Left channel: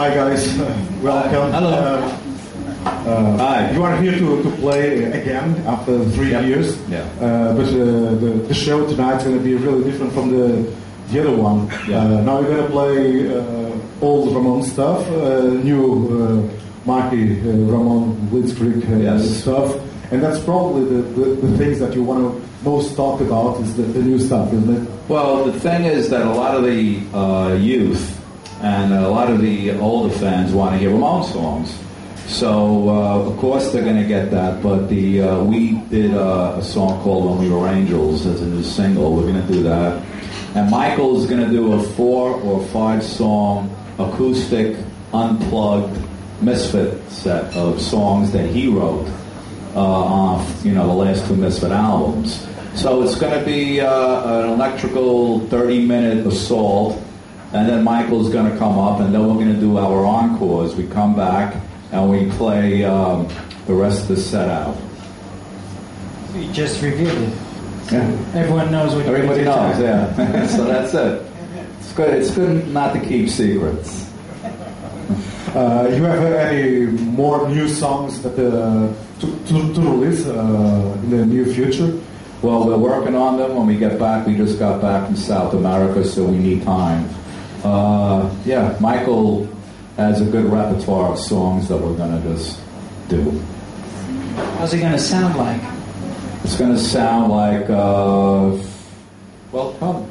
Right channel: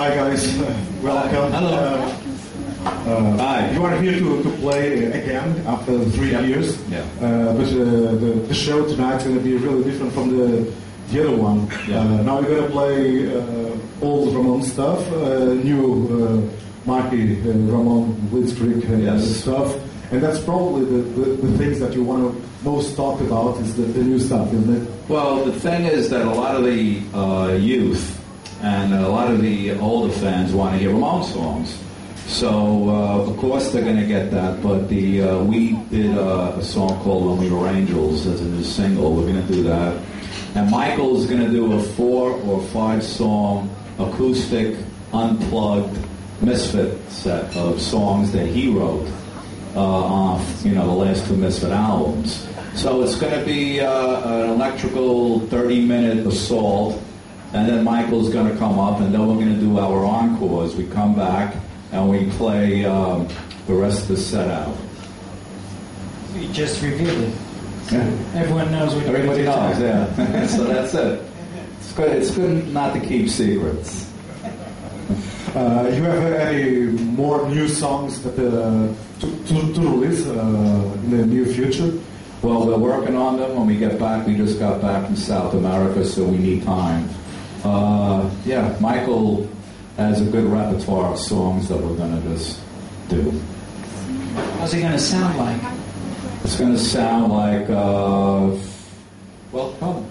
Hi guys, welcome. Hello. Hi. You are here to play again after 3 years. Yeah. But the show tonight is going to be really different from the other one. Yeah. Now we're going to play old Ramone stuff, new Marky Ramone Blitzkrieg stuff. And that's probably the things that you want to most talk about is the new stuff, isn't it? Well, the thing is that a lot of the youth and a lot of the older fans want to hear Ramone songs. So, of course, they're going to get that. But we did a song called When We Were Angels as a new single. We're going to do that. And Michael's going to do a 4 or 5 song acoustic, unplugged Misfit set of songs that he wrote off, the last 2 Misfit albums. So it's going to be an electrical 30-minute assault, and then Michael's going to come up, and then we're going to do our encores. We come back, and we play the rest of the set out. You just revealed it. Yeah. Everyone knows what Everybody knows, yeah. So that's it. It's good not to keep secrets. You have any more new songs that to release in the near future? Well, we're working on them. When we get back, we just got back from South America, so we need time. Michael has a good repertoire of songs that we're going to just do. How's it going to sound like? It's going to sound like, come.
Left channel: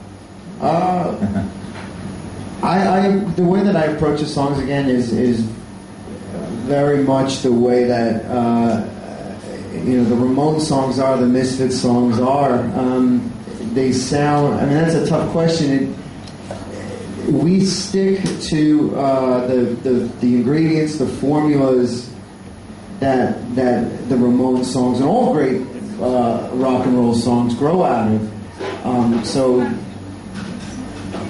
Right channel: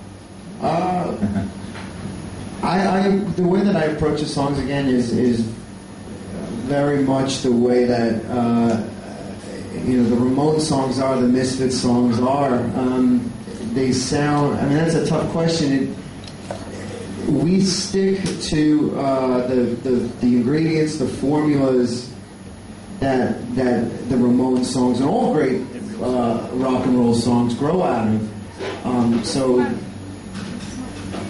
The way that I approach the songs again is very much the way that the Ramone songs are, the Misfit songs are. They sound. I mean, that's a tough question. We stick to the ingredients, the formulas that the Ramone songs and all great rock and roll songs grow out of.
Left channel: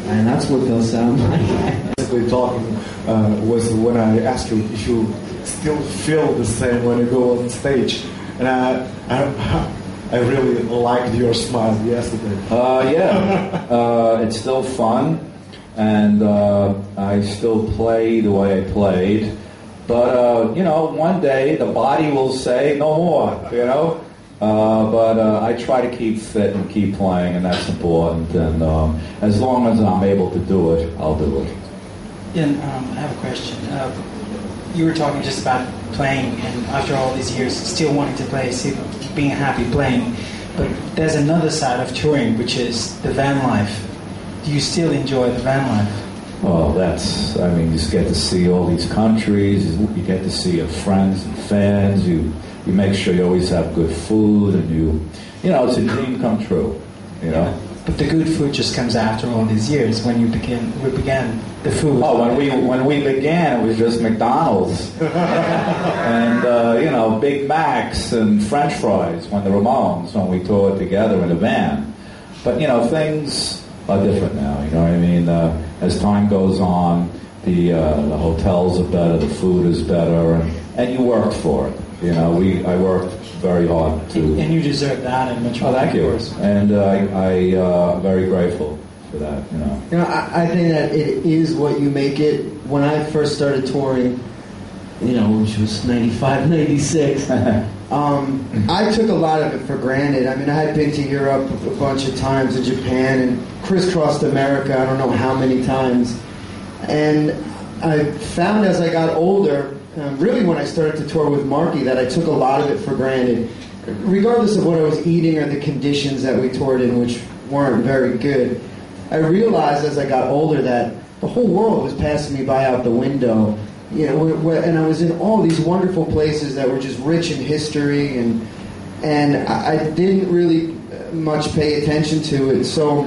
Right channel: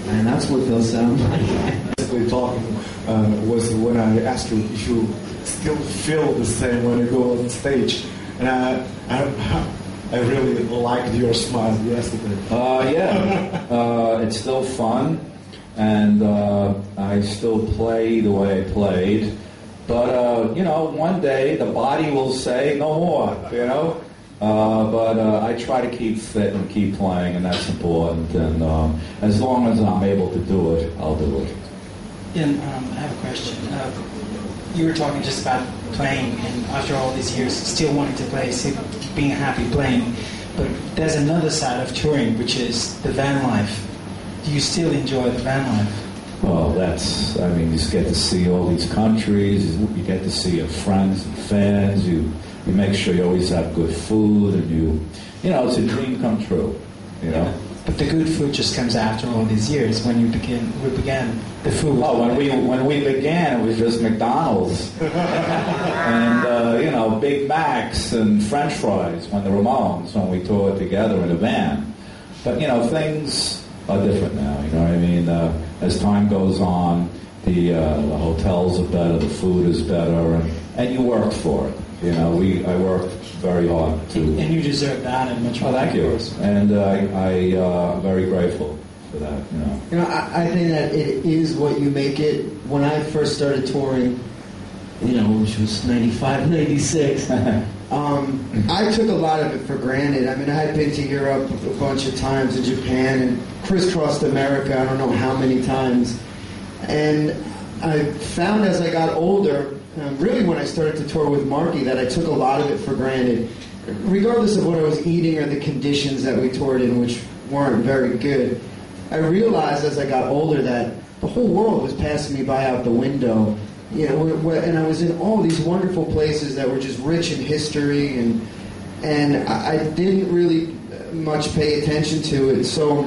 And that's what they'll sound like. Basically talking was when I asked you if you still feel the same when you go on stage. And I really liked your smile yesterday. It's still fun. And I still play the way I played. But, one day the body will say no more, But I try to keep fit and keep playing, and that's important. And as long as I'm able to do it, I'll do it. And I have a question. You were talking just about playing, and after all these years, still wanting to play, still being happy playing. But there's another side of touring, which is the van life. Do you still enjoy the van life? Well, you just get to see all these countries. You get to see your friends and fans. You make sure you always have good food, and it's a dream come true, Yeah. But the good food just comes after all these years. When we began the food. Oh, when we began, it was just McDonald's and Big Macs and French fries. When the Ramones, when we toured together in a van. But things are different now. You know what I mean? As time goes on, the hotels are better, the food is better, and you worked for it. I worked very hard to. And you deserve that and much more. Oh, thank you. And I'm very grateful for that. I think that it is what you make it. When I first started touring, which was 95, 96, I took a lot of it for granted. I mean, I had been to Europe a bunch of times, in Japan, and crisscrossed America I don't know how many times. And I found as I got older, really when I started to tour with Marky, that I took a lot of it for granted. Regardless of what I was eating or the conditions that we toured in, which weren't very good, I realized as I got older that the whole world was passing me by out the window. And I was in all these wonderful places that were just rich in history, and I didn't really much pay attention to it. So,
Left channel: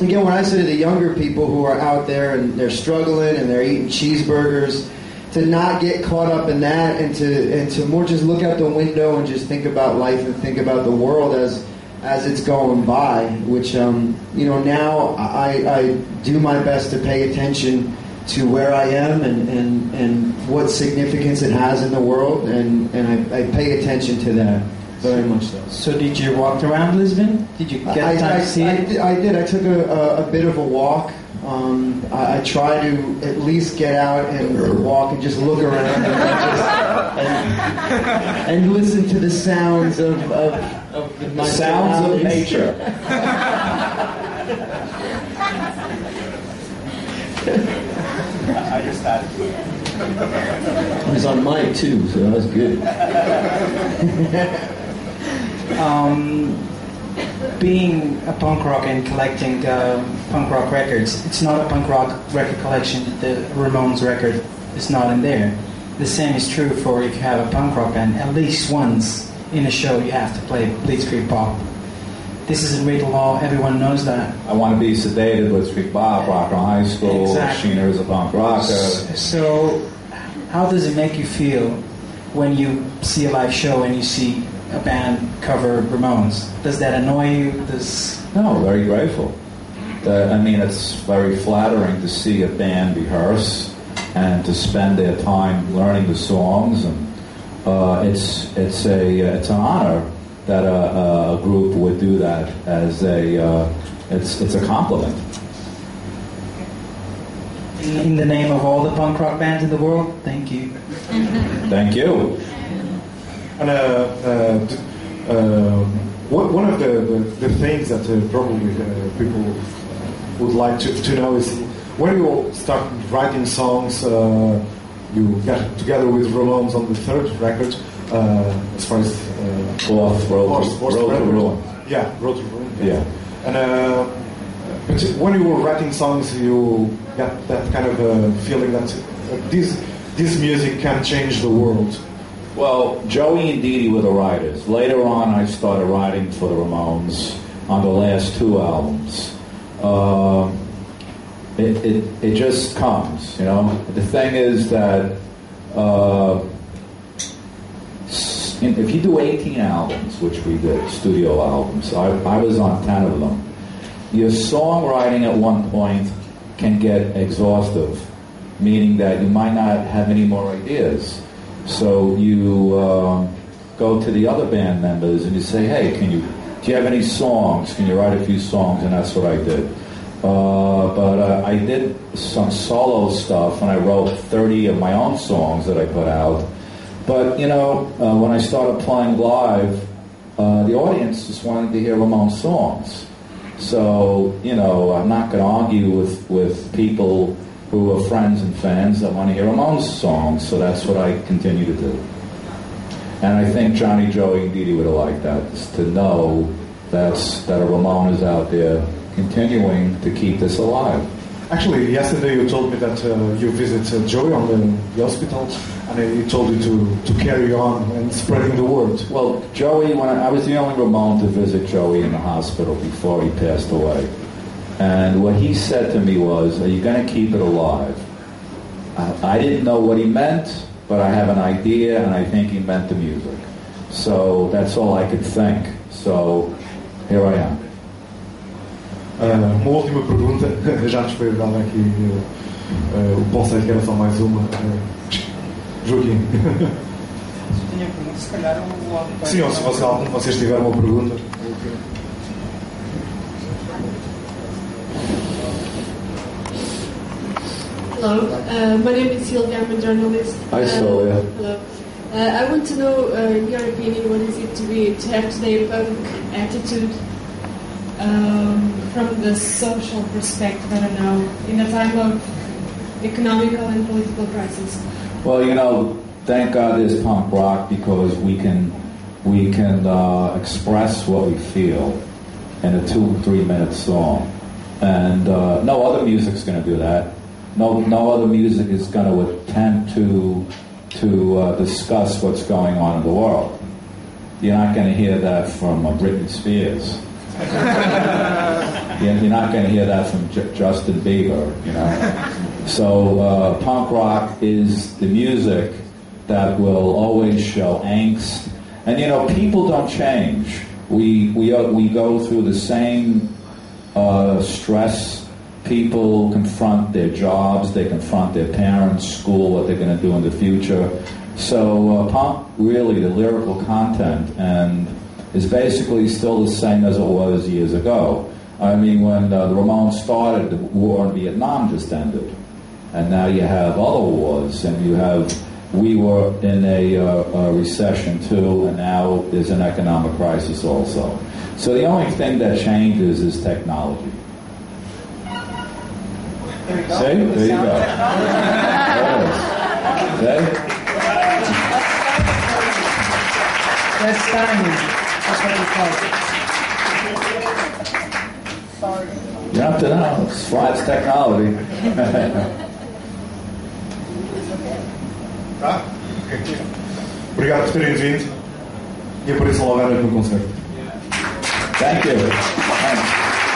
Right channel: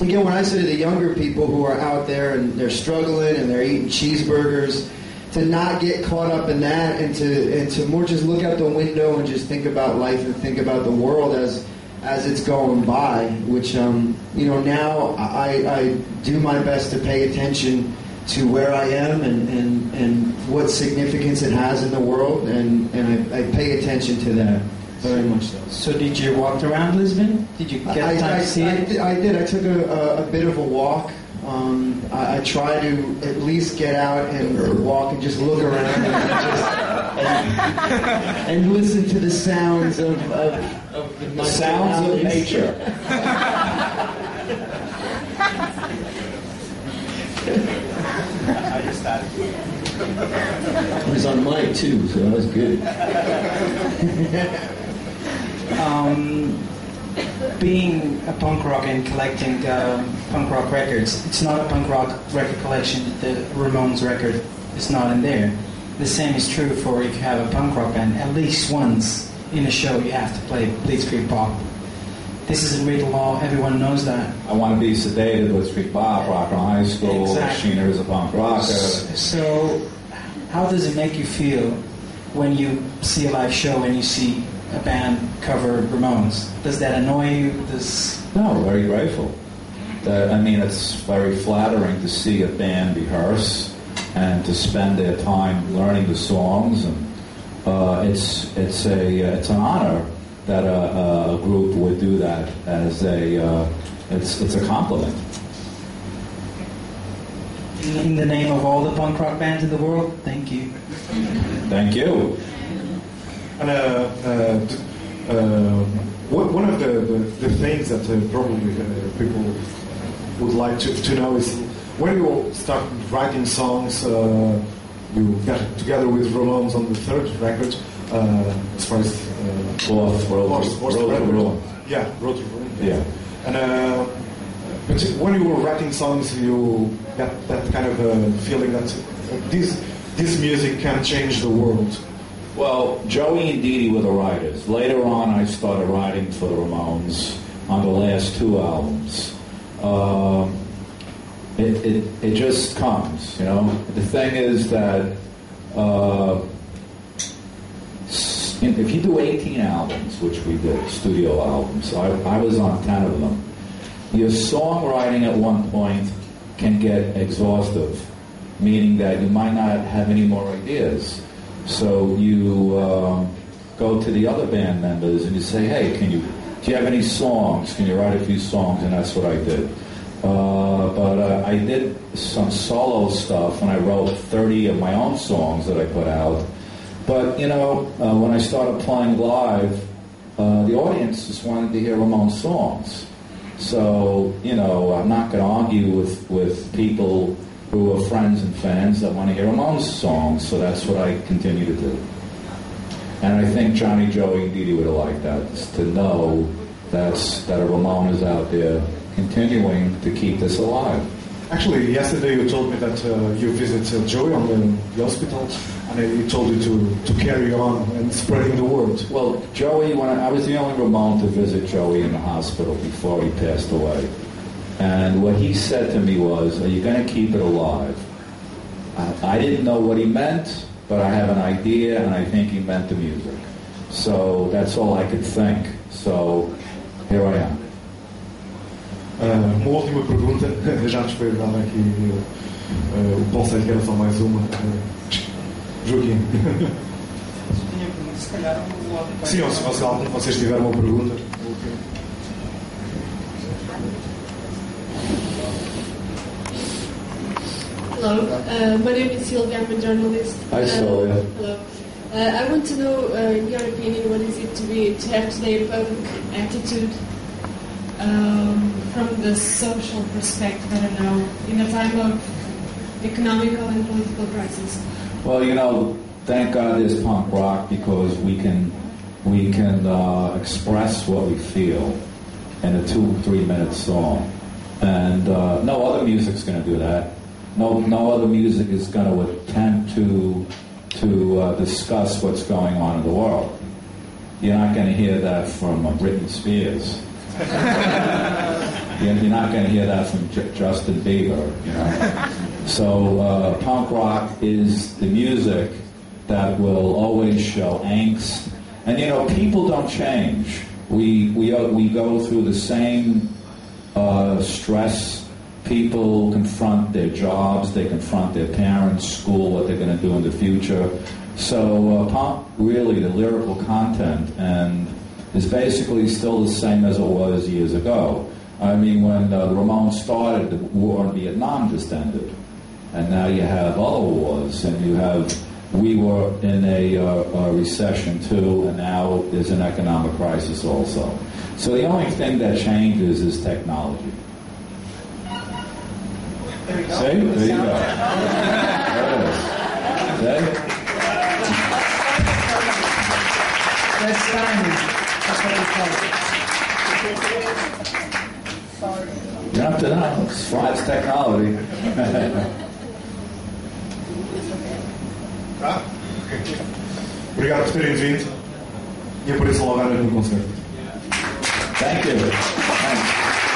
again, when I say to the younger people who are out there and they're struggling and they're eating cheeseburgers, to not get caught up in that and to more just look out the window and just think about life and think about the world as it's going by, which, now I do my best to pay attention to where I am and what significance it has in the world, and I pay attention to that very much so. So did you walk around Lisbon? Did you get time to see it? I did. I took a bit of a walk. I try to at least get out and walk and just look around and listen to the sounds of the sounds of nature. I just had it was on mic too, so that was good. Being a punk rock and collecting punk rock records, it's not a punk rock record collection. The Ramones record is not in there. The same is true for if you have a punk rock band. At least once in a show you have to play Blitzkrieg Bop. This isn't written law, everyone knows that. I Want to Be Sedated, Blitzkrieg Bop, Rock on High School, Exactly. Sheena is a punk rocker. So, how does it make you feel when you see a live show and you see a band cover Ramones? Does that annoy you? No, very grateful. It's very flattering to see a band rehearse and to spend their time learning the songs, and it's an honor that a group would do that as it's a compliment. In the name of all the punk rock bands in the world, thank you. Thank you. And one of the things that probably people would like to know is when you start writing songs, you got together with Ramones on the third record, as far as Road to Ruin. Yeah, Road to Ruin. Yeah. And but when you were writing songs, you got that kind of feeling that this music can change the world. Well, Joey and Dee Dee were the writers. Later on, I started writing for the Ramones on the last two albums. It just comes, you know. The thing is that if you do 18 albums, which we did, studio albums, I was on 10 of them, your songwriting at one point can get exhaustive, meaning that you might not have any more ideas. So you go to the other band members and you say, hey, do you have any songs? Can you write a few songs? And that's what I did. But I did some solo stuff, and I wrote 30 of my own songs that I put out. But, when I started playing live, the audience just wanted to hear Ramones songs. So, I'm not going to argue with people who are friends and fans that want to hear Ramones songs, so that's what I continue to do. And I think Johnny, Joey, and Dee Dee would have liked that, just to know that a Ramone is out there continuing to keep this alive. Actually, yesterday you told me that you visited Joey on the hospital, and he told you to carry on and spreading the word. Well, Joey, I was the only Ramone to visit Joey in the hospital before he passed away. And what he said to me was, are you going to keep it alive? I didn't know what he meant, but I have an idea, and I think he meant the music. So that's all I could think. So here I am. Uma última pergunta, já nos foi dada aqui o conceito que era só mais uma. Joaquim. Sim, ou se vocês tiverem uma pergunta. Hello, my name is Sylvia. I'm a journalist. Hi, Sylvia. Hello. I want to know, in your opinion, what is it to have today a punk attitude from the social perspective? I don't know, in a time of economical and political crisis. Well, thank God there's punk rock, because we can express what we feel in a 2-3 minute song, and no other music's going to do that. No other music is going to attempt to discuss what's going on in the world. You're not going to hear that from Britney Spears. You're not going to hear that from Justin Bieber, So punk rock is the music that will always show angst. And, people don't change. We go through the same stress. People confront their jobs, they confront their parents, school, what they're going to do in the future. So punk, really, the lyrical content, and is basically still the same as it was years ago. I mean, when the Ramones started, the war in Vietnam just ended. And now you have other wars, and we were in a recession too, and now there's an economic crisis also. So the only thing that changes is technology. There you go. See? There you go. There it is. See? That's timing. That's what we call it. You have to know. It's technology. Tá? Ok. Obrigado por terem vindo e apareçam logo no concerto. Thank you. Thanks.